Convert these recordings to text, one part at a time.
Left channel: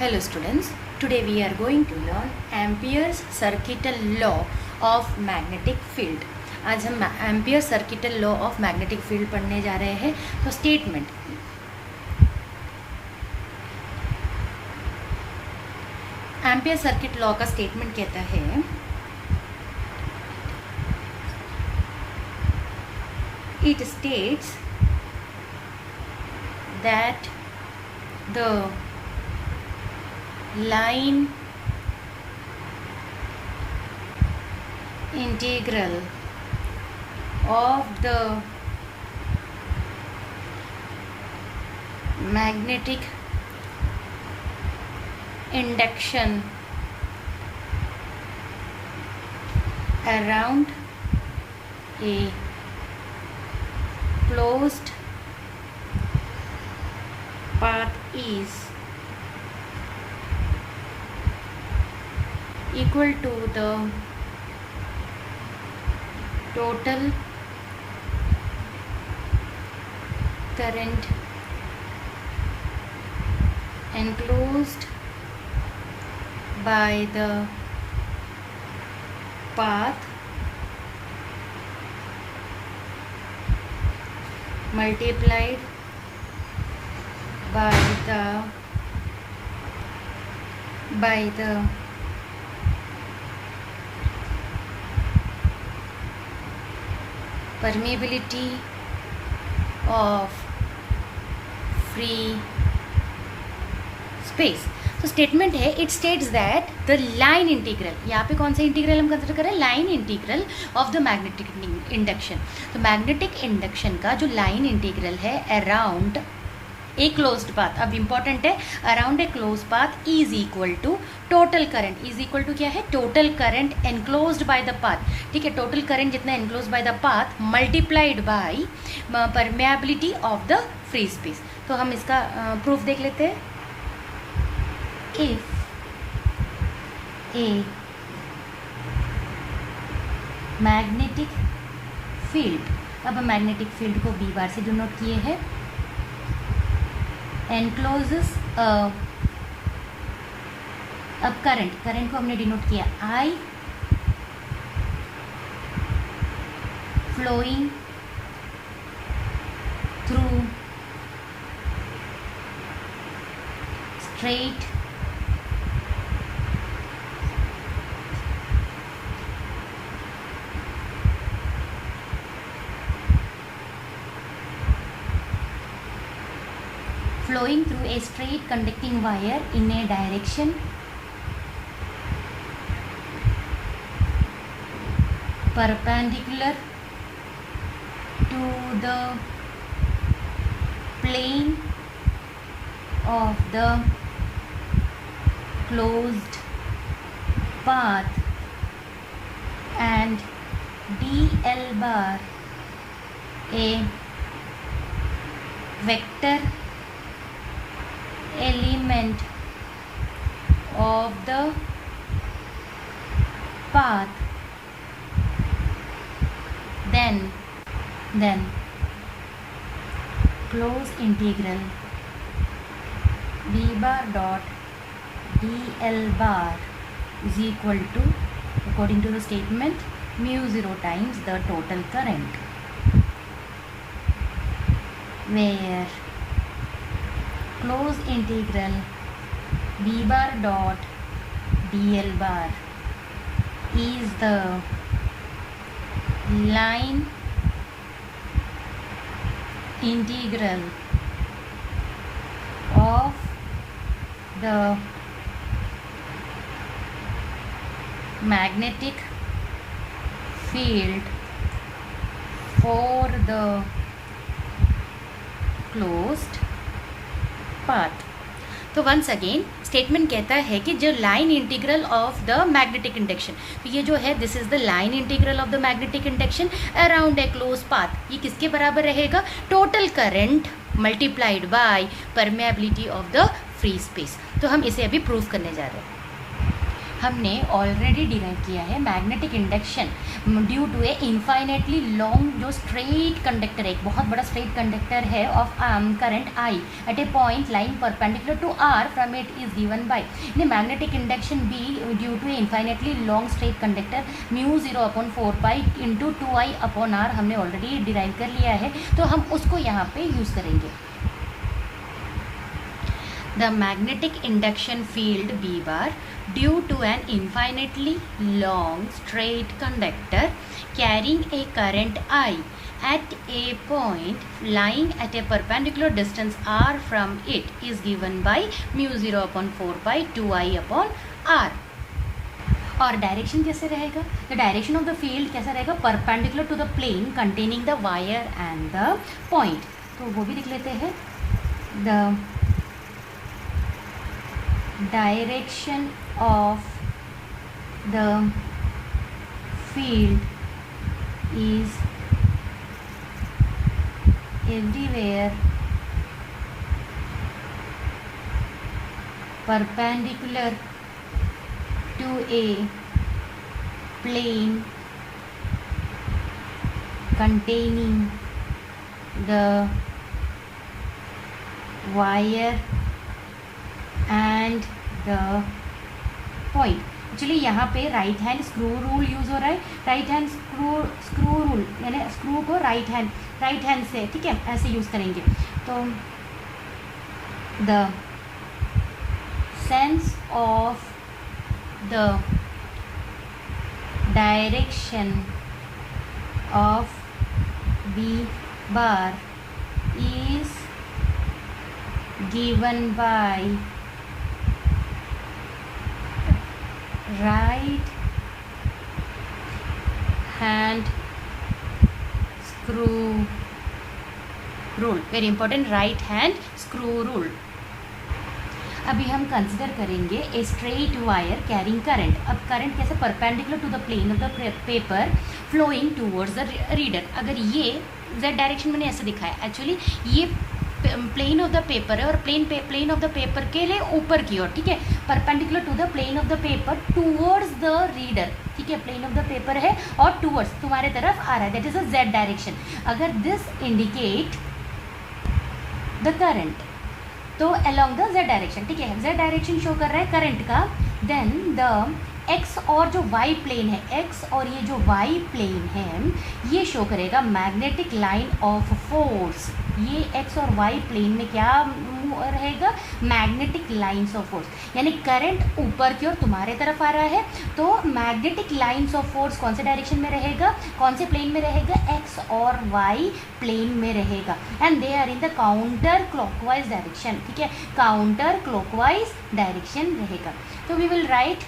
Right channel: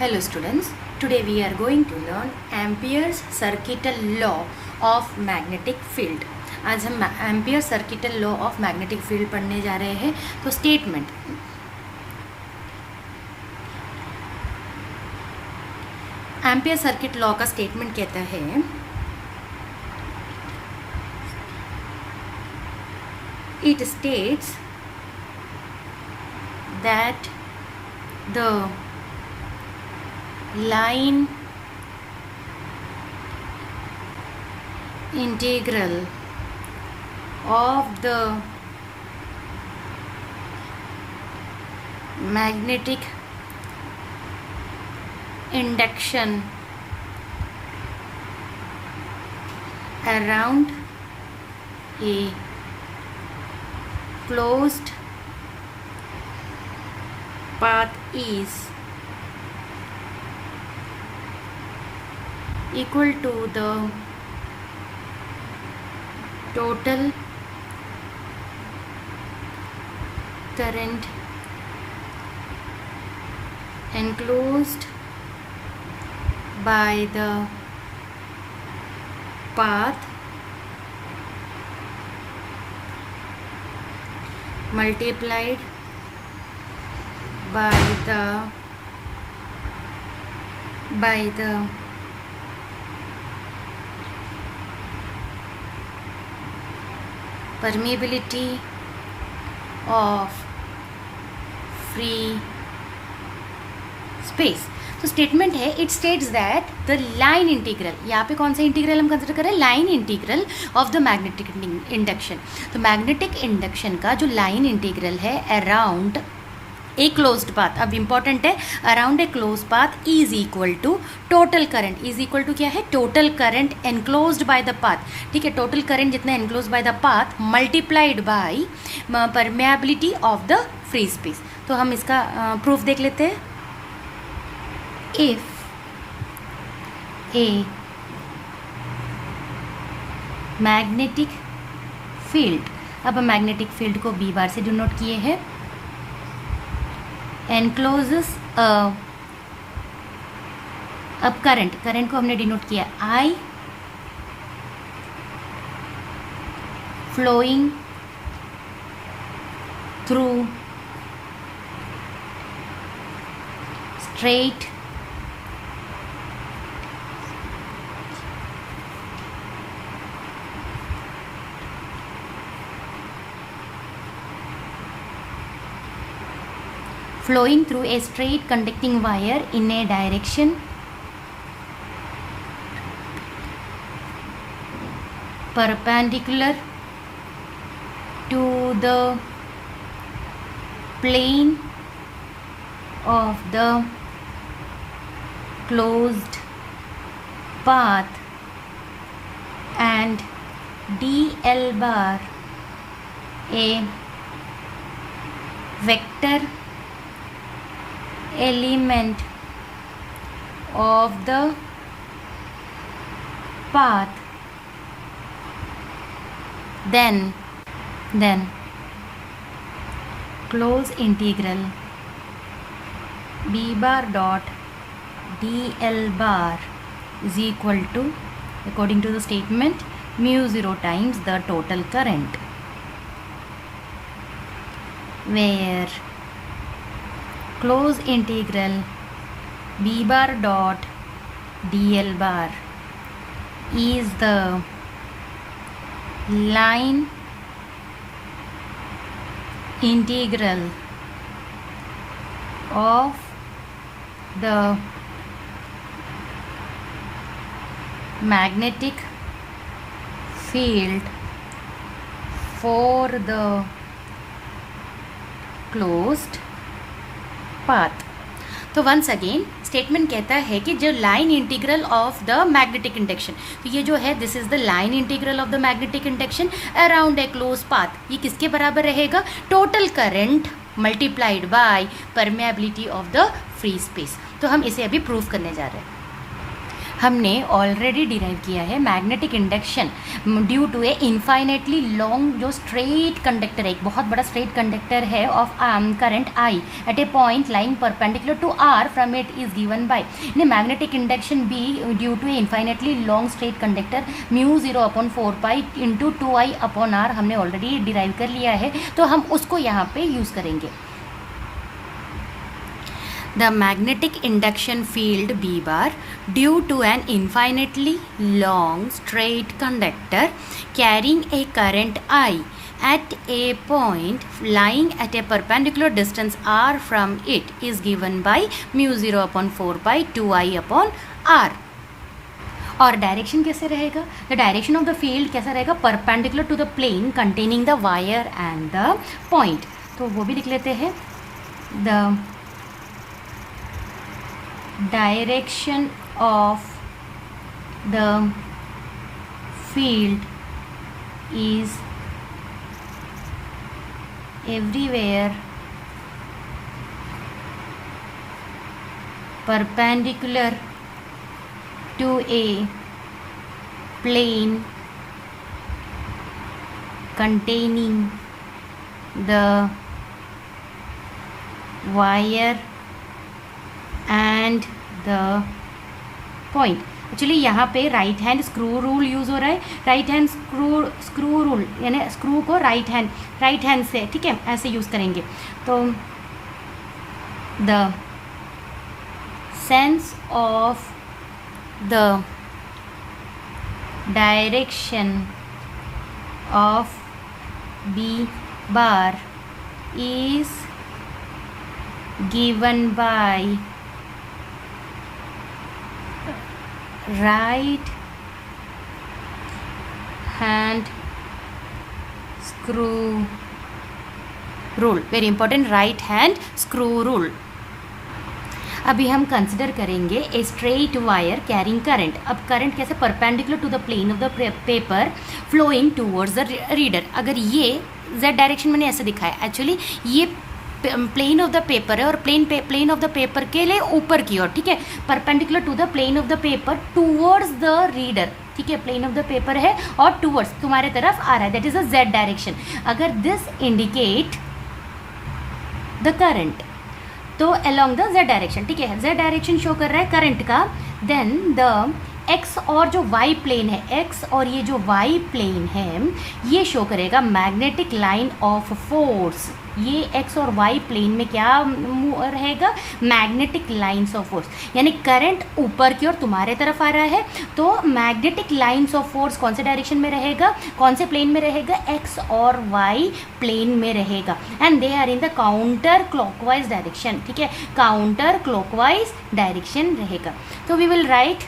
Hello students, today we are going to learn Ampere's circuital law of magnetic field. आज हम ampere circuital law of magnetic field पढ़ने जा रहे हैं. तो स्टेटमेंट एम्पियर सर्किट लॉ का स्टेटमेंट कहता है it states that the line integral of the magnetic induction around a closed path is equal to the total current enclosed by the path multiplied by the permeability of free space. तो statement है it states that the line integral, यहाँ पे कौन सा integral हम consider करें, line integral of the magnetic induction. तो magnetic induction का जो लाइन इंटीग्रल है अराउंड ए क्लोज्ड पाथ, अब इंपॉर्टेंट है, around a close path is equal to total current. Is equal to क्या है, total current enclosed by the path. ठीक है, टोटल करंट जितना enclose by the path multiplied by permeability of the free space. तो हम इसका proof देख लेते हैं. इफ ए मैग्नेटिक फील्ड, अब हम मैग्नेटिक फील्ड को बी बार से डिनोट किए हैं, encloses अब करंट को हमने डिनोट किया I flowing through straight flowing through a straight conducting wire in a direction perpendicular to the plane of the closed path and dl bar a vector element of the path, then close integral b bar dot dl bar is equal to, according to the statement, mu 0 times the total current, where close integral b bar dot dl bar is the line integral of the magnetic field for the closed path. तो once again statement कहता है कि जो line integral of the magnetic induction, तो ये जो है this is the line integral of the magnetic induction around a close path, ये किसके बराबर रहेगा, total current multiplied by permeability of the free space. तो हम इसे अभी प्रूव करने जा रहे हैं. हमने ऑलरेडी डिराइव किया है magnetic induction due to a infinitely long जो स्ट्रेट कंडक्टर है, एक बहुत बड़ा स्ट्रेट कंडक्टर है of current I at a point lying perpendicular to R from it is given by magnetic induction B due to a infinitely long straight conductor mu 0/4 into 2I/r हमने already derive कर लिया है, तो हम उसको यहाँ पे यूज़ करेंगे। The magnetic induction field B bar due to an infinitely long straight conductor carrying a current I at a point lying at a perpendicular distance r from it is given by mu 0/4 2I/r। और direction कैसे रहेगा? The direction of the field कैसा रहेगा? Perpendicular to the plane containing the wire and the point. तो वो भी लिख लेते हैं। The direction of the field is everywhere perpendicular to a plane containing the wire and the point. Actually यहाँ पे right hand screw rule use हो रहा है, राइट हैंड स्क्रू रूल यानी स्क्रू को राइट हैंड से, ठीक है, ऐसे यूज़ करेंगे। तो the sense of the direction of B bar is given by right hand screw rule, very important, right hand screw rule. अभी हम कंसिडर करेंगे a straight wire carrying current. अब करंट कैसे? Perpendicular to the plane of the paper flowing towards the reader. अगर ये z direction मैंने ऐसे दिखाया, एक्चुअली ये प्लेन ऑफ द पेपर है और प्लेन ऑफ द पेपर के लिए ऊपर की ओर, ठीक है, perpendicular to the plane of the paper towards the reader, ठीक है, प्लेन ऑफ द पेपर है और टूवर्ड्स तुम्हारे तरफ आ रहा है, that is a z direction. अगर दिस इंडिकेट द करंट, तो अलोंग द z डायरेक्शन, ठीक है, z डायरेक्शन शो कर रहा है करंट का, देन द x और जो y प्लेन है, x और ये जो y प्लेन है ये शो करेगा मैग्नेटिक लाइन ऑफ फोर्स। ये x और y प्लेन में क्या रहेगा? मैग्नेटिक लाइंस ऑफ फोर्स, यानी करंट ऊपर की ओर तुम्हारे तरफ आ रहा है, तो मैग्नेटिक लाइंस ऑफ फोर्स कौन से डायरेक्शन में रहेगा? कौन से प्लेन में रहेगा? x और y प्लेन में रहेगा, and they are in the counter clockwise direction, ठीक है, काउंटर क्लॉकवाइज डायरेक्शन रहेगा। तो वी विल राइट,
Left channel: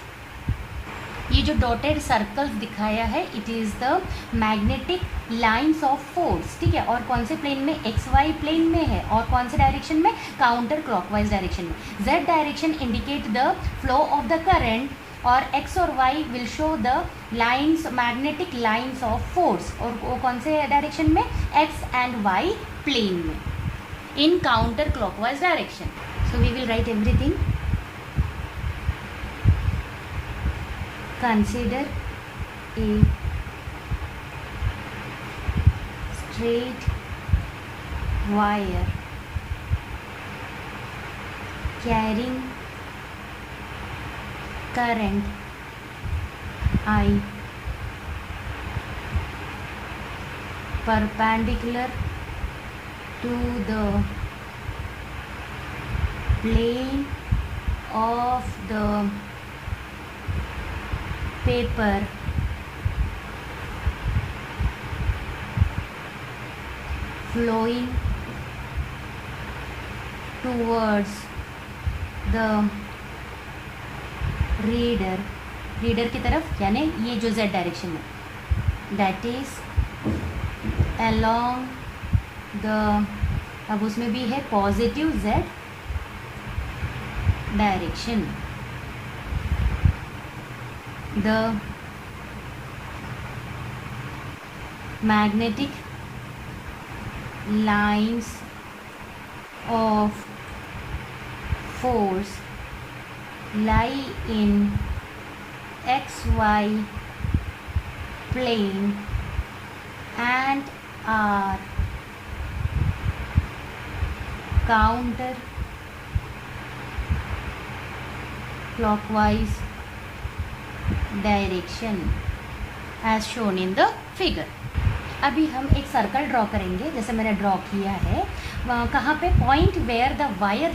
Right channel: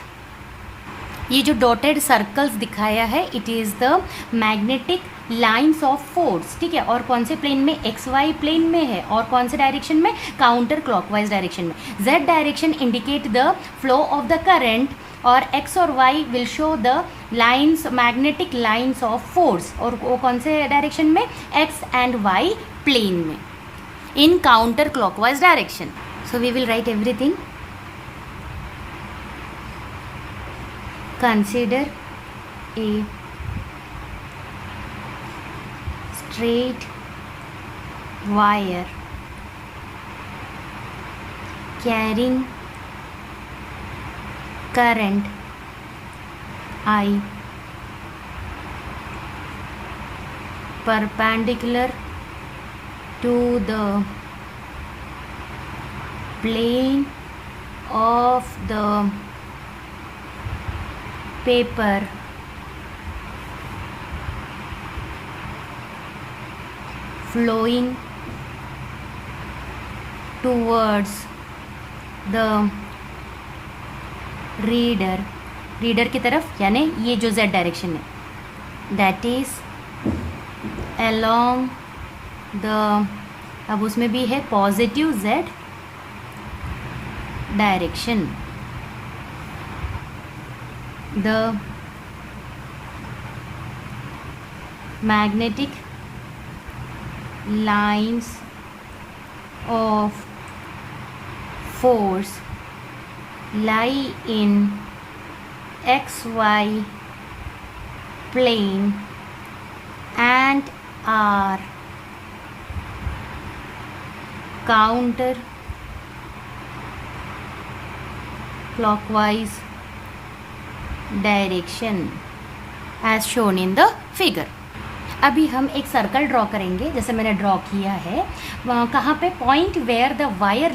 ये जो डॉटेड सर्कल्स दिखाया है it is the magnetic lines of force, ठीक है, और कौन से प्लेन में? एक्स वाई प्लेन में है, और कौन से डायरेक्शन में? काउंटर क्लॉकवाइज डायरेक्शन में। Z direction indicate the flow of the current और एक्स और Y will show the lines, magnetic lines of force, और वो कौन से डायरेक्शन में? एक्स एंड वाई प्लेन में, in counter clockwise direction. So we will write everything. Consider a straight wire carrying current I perpendicular to the plane of the paper flowing towards the reader, reader की तरफ, यानी ये जो z direction है, that is along the, अब उसमें भी है positive z direction. The magnetic lines of force lie in xy plane and are counter clockwise direction as shown in the figure. अभी हम एक सर्कल ड्रॉ करेंगे, जैसे मैंने ड्रॉ किया है। कहाँ पे? Point where the wire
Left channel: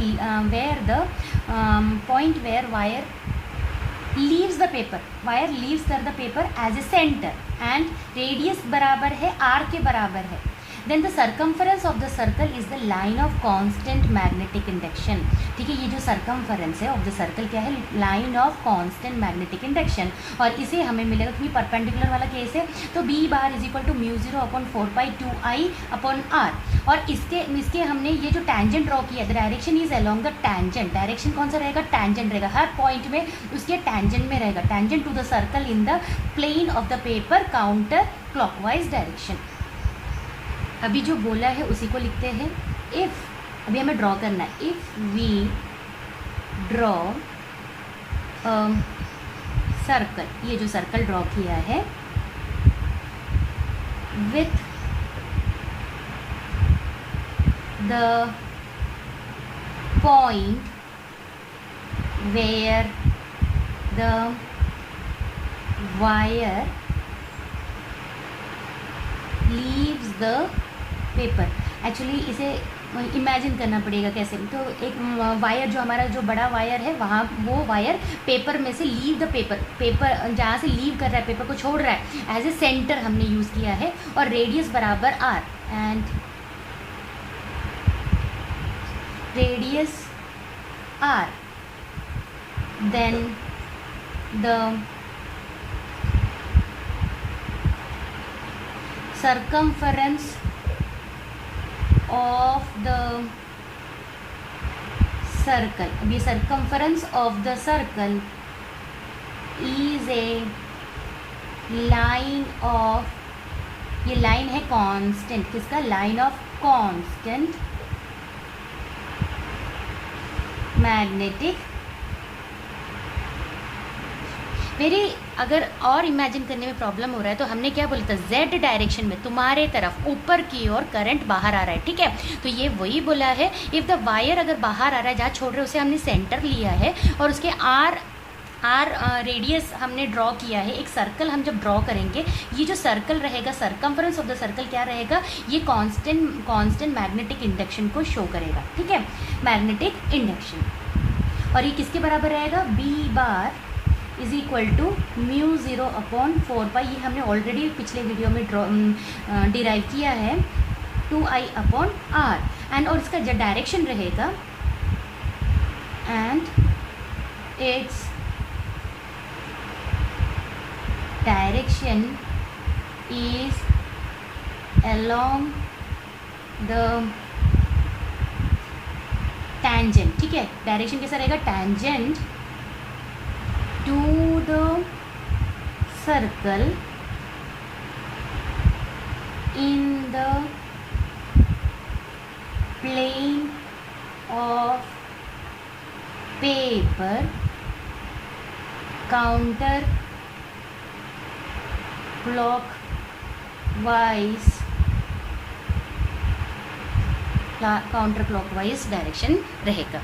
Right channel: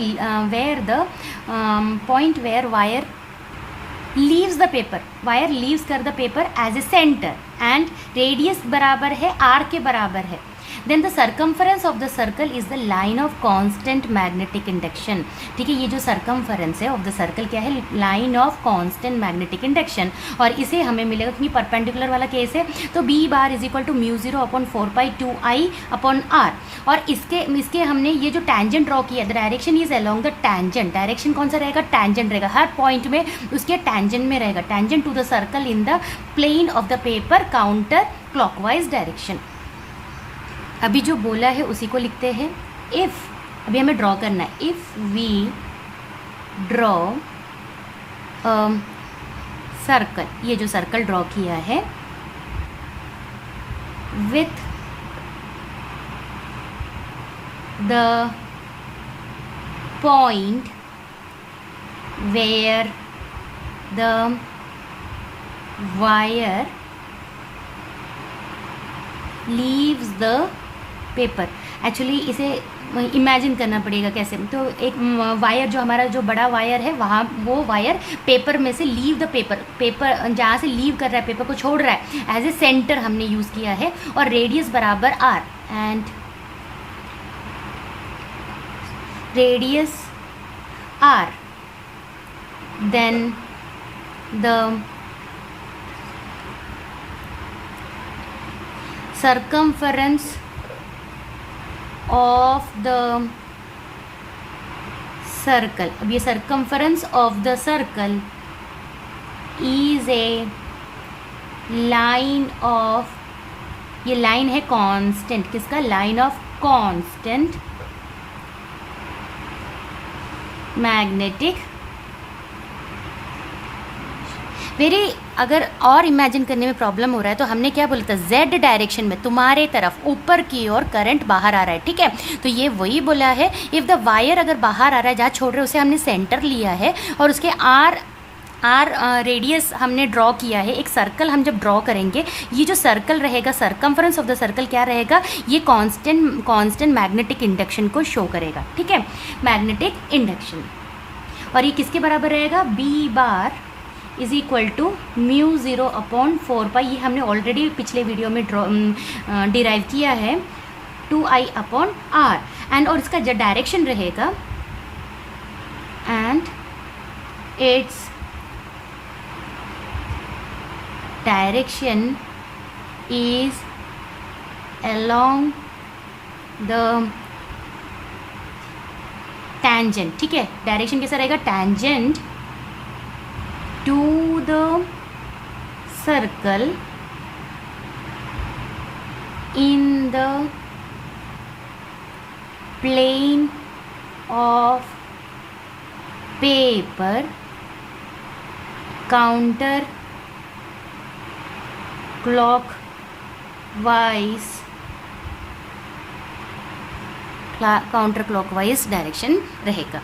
leaves the paper, wire leaves कर the paper as a centre and radius बराबर है आर के बराबर है। Then the circumference of the circle is the line of constant magnetic induction. ठीक है, ये जो सर्कम्फरेंस है ऑफ द सर्कल क्या है? Line of constant magnetic induction. और इसे हमें मिलेगा, क्योंकि परपेंडिकुलर वाला केस है, तो B bar is equal to mu 0/4π2I/r। और इसके हमने ये जो टैंजेंट ड्रॉ किया, the direction is along the tangent. Direction कौन सा रहेगा? टैंजेंट रहेगा, हर पॉइंट में उसके टैंजेंट में रहेगा। Tangent to the circle in the plane of the paper counter clockwise direction. अभी जो बोला है उसी को लिखते हैं। इफ़, अभी हमें ड्रॉ करना है। इफ़ वी ड्रॉ सर्कल, ये जो सर्कल ड्रॉ किया है with the point where the wire leaves the paper. Actually इसे इमेजिन करना पड़ेगा कैसे। तो एक वायर, जो हमारा जो बड़ा वायर है, वहाँ वो वायर पेपर में से लीव द पेपर जहाँ से लीव कर रहा है, पेपर को छोड़ रहा है, एज ए सेंटर हमने यूज़ किया है। और रेडियस बराबर R, and radius R, then the circumference of the circle। अब ये circumference of the circle is a line of, ये लाइन है कांस्टेंट, किसका? Line of constant magnetic. मेरी अगर और इमेजिन करने में प्रॉब्लम हो रहा है तो हमने क्या बोला था? जेड डायरेक्शन में तुम्हारे तरफ ऊपर की ओर करंट बाहर आ रहा है। ठीक है, तो ये वही बोला है। इफ़ द वायर अगर बाहर आ रहा है, जहाँ छोड़ रहे हैं उसे हमने सेंटर लिया है, और उसके आर रेडियस हमने ड्रॉ किया है। एक सर्कल हम जब ड्रॉ करेंगे, ये जो सर्कल रहेगा, सर्कम्फरेंस ऑफ द सर्कल क्या रहेगा? ये कांस्टेंट मैग्नेटिक इंडक्शन को शो करेगा। ठीक है, मैग्नेटिक इंडक्शन। और ये किसके बराबर रहेगा? B bar is equal to mu 0/4π। ये हमने ऑलरेडी पिछले वीडियो में डिराइव किया है, 2I/r। एंड और इसका जो डायरेक्शन रहेगा, and its direction is along the tangent. ठीक है, डायरेक्शन कैसा रहेगा? Tangent to the circle in the plane of paper counter clockwise direction रहेगा।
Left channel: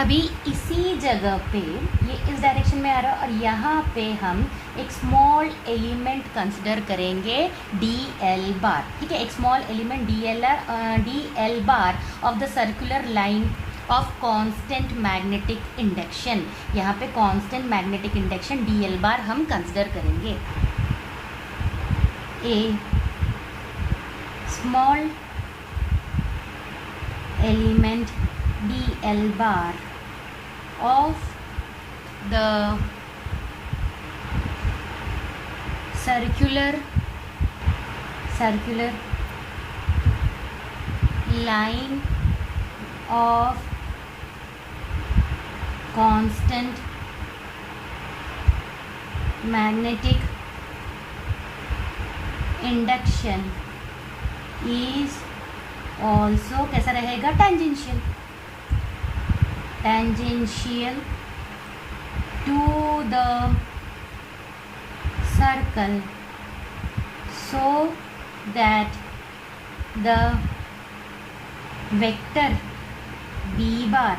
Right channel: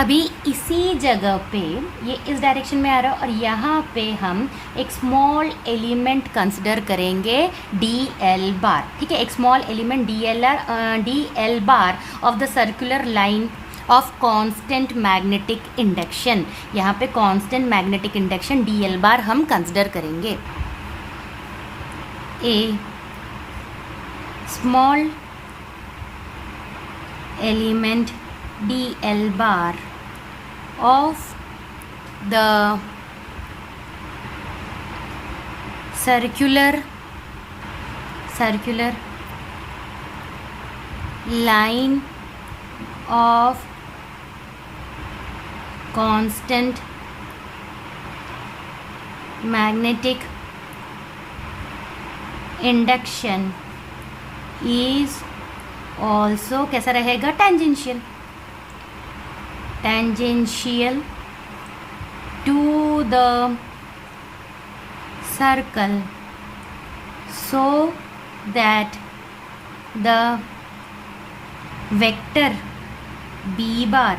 अभी इसी जगह पे ये इस डायरेक्शन में आ रहा है, और यहाँ पे हम एक स्मॉल एलिमेंट कंसिडर करेंगे DL बार। ठीक है, एक small element DL bar of the circular line of constant magnetic induction. यहाँ पे constant magnetic induction DL bar हम कंसिडर करेंगे। A small element DL bar of the circular line of constant magnetic induction is also कैसा रहेगा? tangential to the circle so that the vector b bar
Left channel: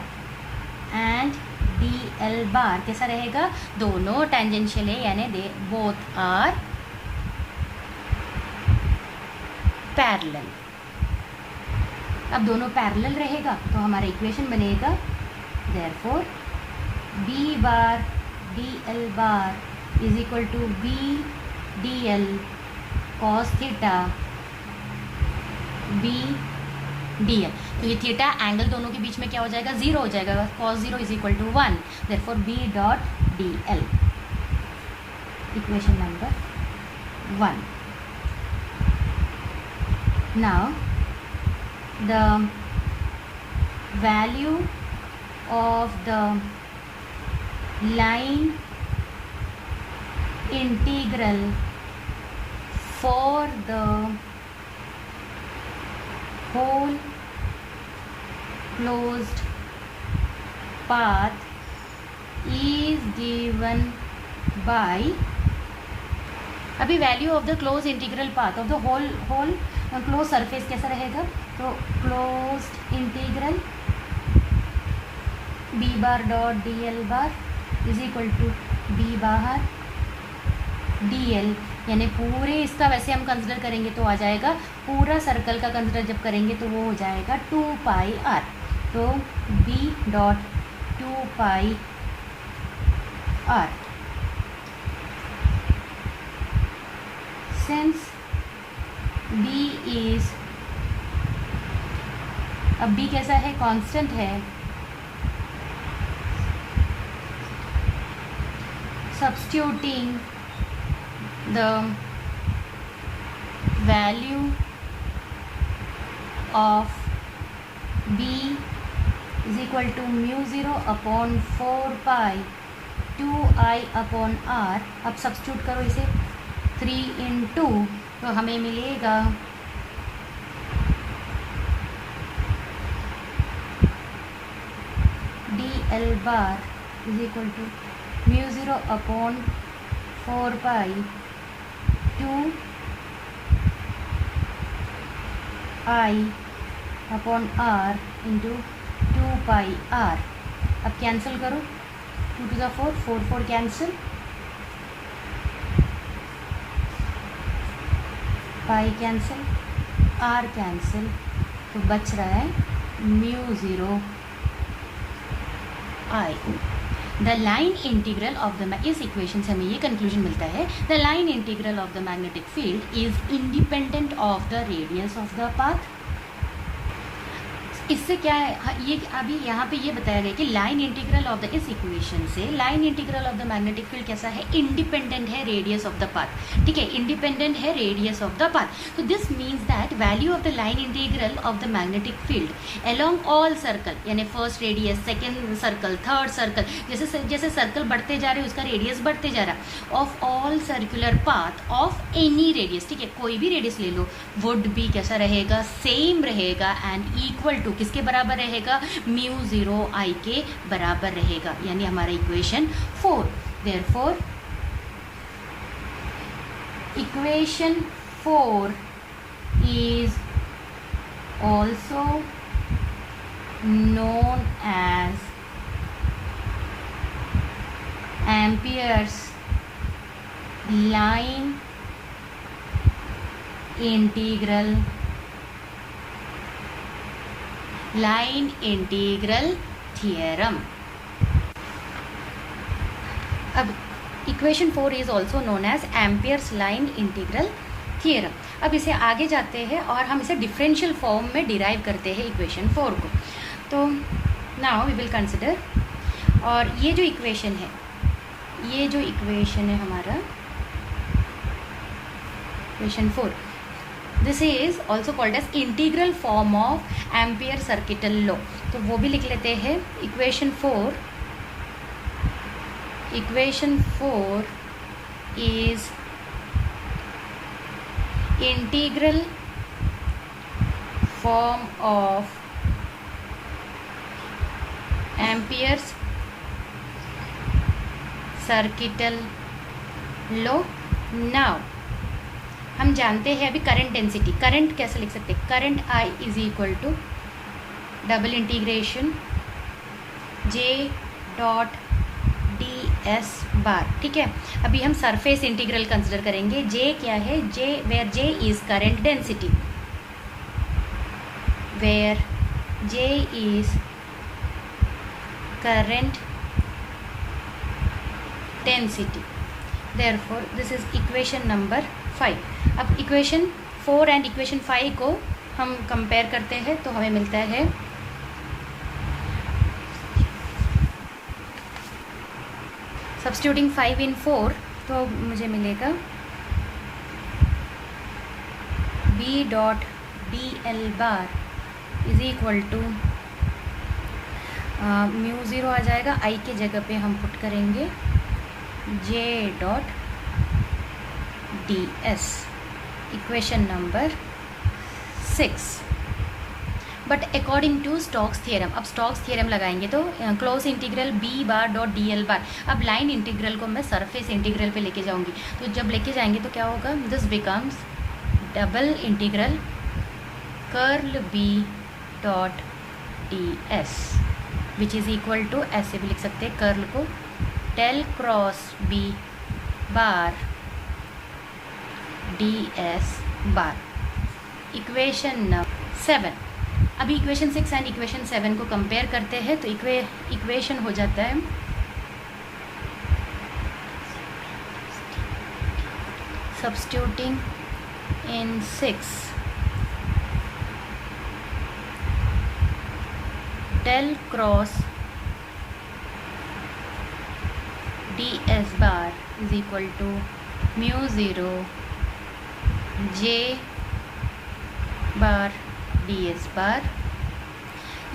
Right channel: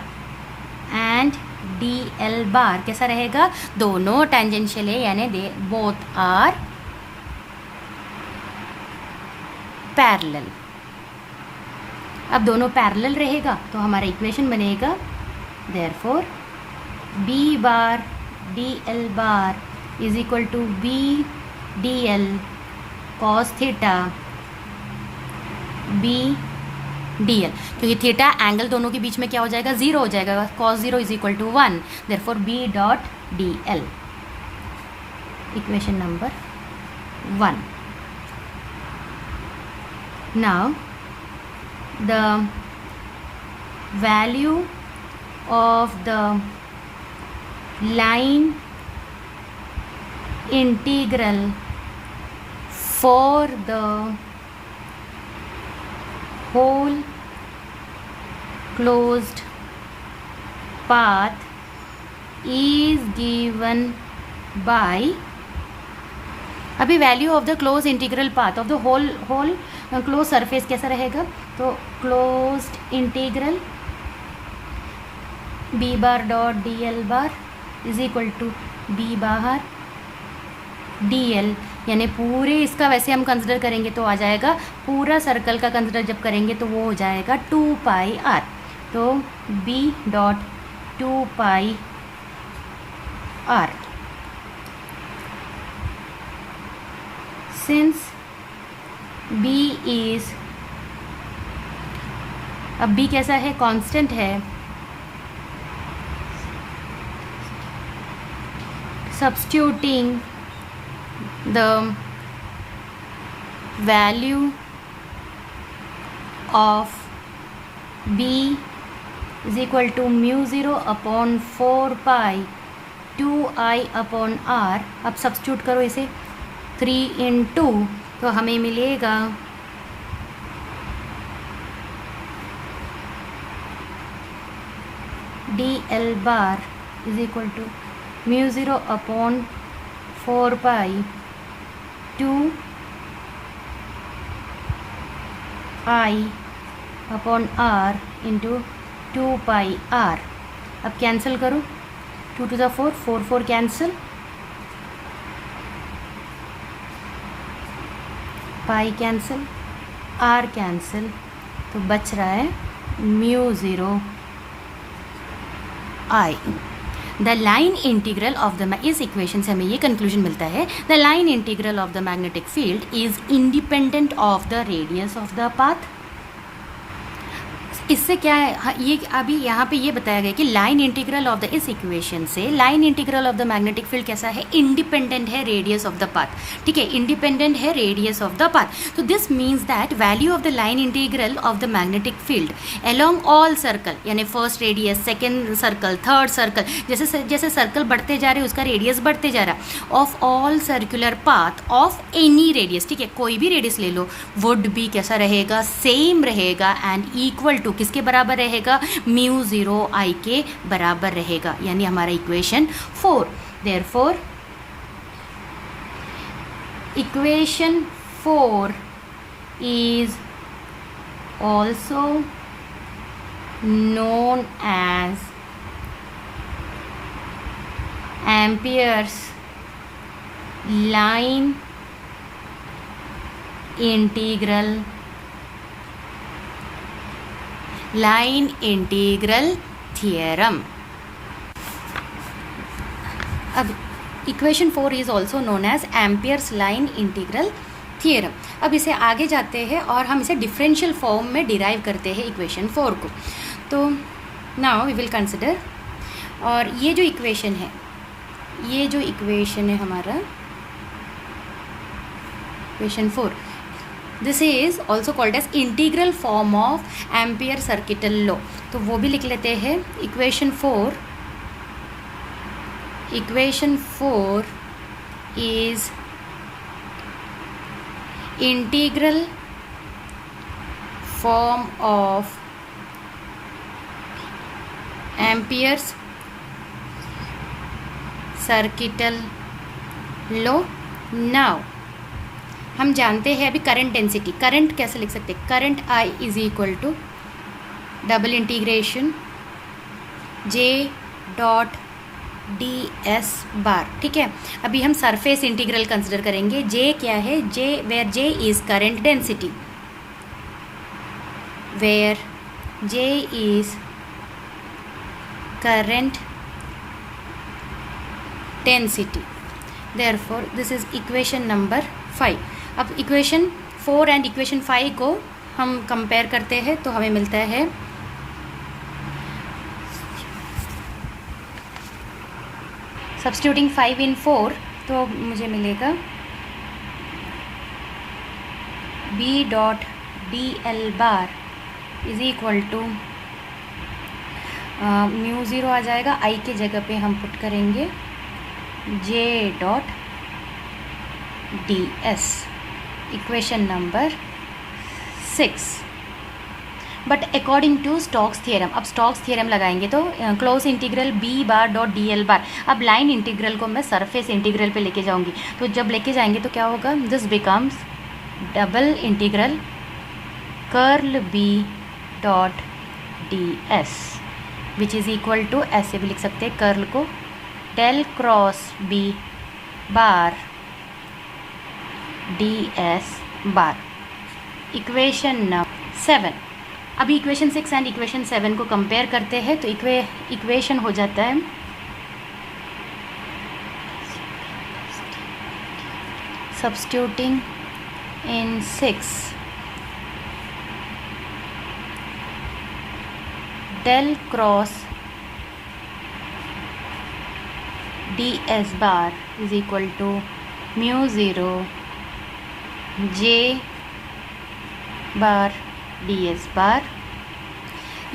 and dl bar कैसा रहेगा, दोनों tangential है, यानी they both are parallel. अब दोनों parallel रहेगा तो हमारा इक्वेशन बनेगा therefore b bar dl bar is equal to b dl cos theta b dl, क्योंकि थीटा एंगल दोनों के बीच में क्या हो जाएगा, जीरो हो जाएगा, cos zero is equal to 1, therefore b dot dl, equation number 1। Now the value of the line integral for the whole closed path is given by, अभी value of the close integral path of the whole close surface कैसा रहेगा, तो closed integral b bar dot dl bar is equal to b bar dl, यानी पूरे इसका वैसे हम consider करेंगे तो आ जाएगा, पूरा सर्कल का कंसिडर जब करेंगे तो वो हो जाएगा 2 पाई r, तो b dot 2 pi r। Since b is, अब b कैसा है, कांस्टेंट है, substituting the value of b is equal to mu 0 upon 4 pi 2i upon r। अब सब्स्टिट्यूट करो इसे 3 in 2 तो हमें मिलेगा dl bar is equal to mu 0 upon 4 pi 2 i upon r into 2 pi r। अब cancel करो, 2 to the 4 4 4 cancel, pi cancel, r cancel, तो बच रहा है mu 0 i। The line integral of the, इस इक्वेशन से हमें ये कंक्लूजन मिलता है, the line integral of the magnetic field is independent of the radius of the path. इससे क्या है, ये अभी यहाँ पे ये बताया गया कि लाइन इंटीग्रल ऑफ द, इस इक्वेशन से line integral of the magnetic field कैसा है, इंडिपेंडेंट है रेडियस ऑफ द पाथ। ठीक है, इंडिपेंडेंट है रेडियस ऑफ द पाथ। तो this means that value of the line integral of the magnetic field along all circle, यानी first radius, second circle, third circle, जैसे जैसे circle बढ़ते जा रहे हैं उसका रेडियस बढ़ते जा रहा है, of all circular path of any radius, ठीक है, कोई भी रेडियस ले लो, वुड बी कैसा रहेगा, सेम रहेगा एंड इक्वल टू किसके बराबर रहेगा, म्यू 0 i के बराबर रहेगा, यानी हमारा equation 4। Therefore equation 4 is also known as Ampere's line integral theorem। अब equation 4 is also known as Ampere's line integral theorem. अब इसे आगे जाते हैं और हम इसे डिफरेंशियल फॉर्म में डिराइव करते हैं इक्वेशन 4 को। तो नाउ वी विल कंसिडर, और ये जो इक्वेशन है, ये जो इक्वेशन है हमारा equation 4, this is also called as integral form of Ampere circuital law. तो वो भी लिख लेते हैं, equation 4 is integral form of Ampere's circuital law. Now हम जानते हैं अभी करंट डेंसिटी, करंट कैसे लिख सकते हैं, current I is equal to double integration J dot D S bar. ठीक है, अभी हम सरफेस इंटीग्रल कंसिडर करेंगे। जे क्या है, J where J is current density, where J is current density, therefore this is equation number 5। अब equation 4 and equation 5 को हम कंपेयर करते हैं तो हमें मिलता है सब्स्टिट्यूटिंग 5 in 4 तो मुझे मिलेगा B dot D L bar is equal to mu zero आ जाएगा, आई के जगह पे हम पुट करेंगे J dot D S, equation number 6। But according to Stokes theorem, अब स्टोक्स थियरम लगाएंगे तो close integral B bar dot D L bar. अब लाइन इंटीग्रल को मैं सरफेस इंटीग्रल पे लेके जाऊंगी, तो जब लेके जाएंगे तो क्या होगा, this becomes double integral curl B dot D S which is equal to, ऐसे भी लिख सकते हैं कर्ल को, del cross B bar D S bar, equation number 7। अभी इक्वेशन 6 एंड इक्वेशन 7 को कंपेयर करते हैं तो इक्वेशन हो जाता है substituting in 6 del cross D S bar is equal to mu zero J bar D S bar,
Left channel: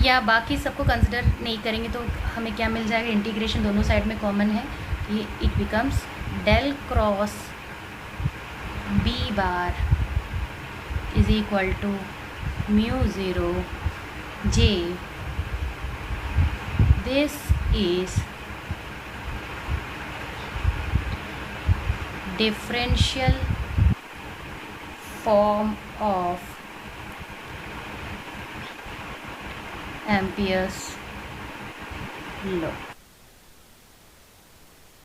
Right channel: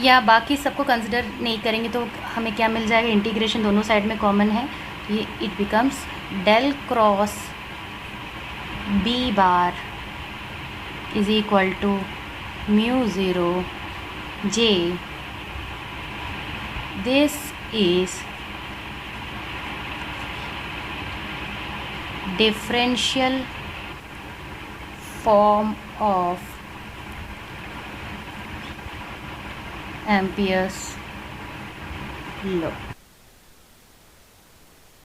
या बाकी सबको कंसिडर नहीं करेंगे तो हमें क्या मिल जाएगा, इंटीग्रेशन दोनों साइड में कॉमन है, ये it becomes del cross B bar is equal to mu zero J, this is differential form of Ampere's law।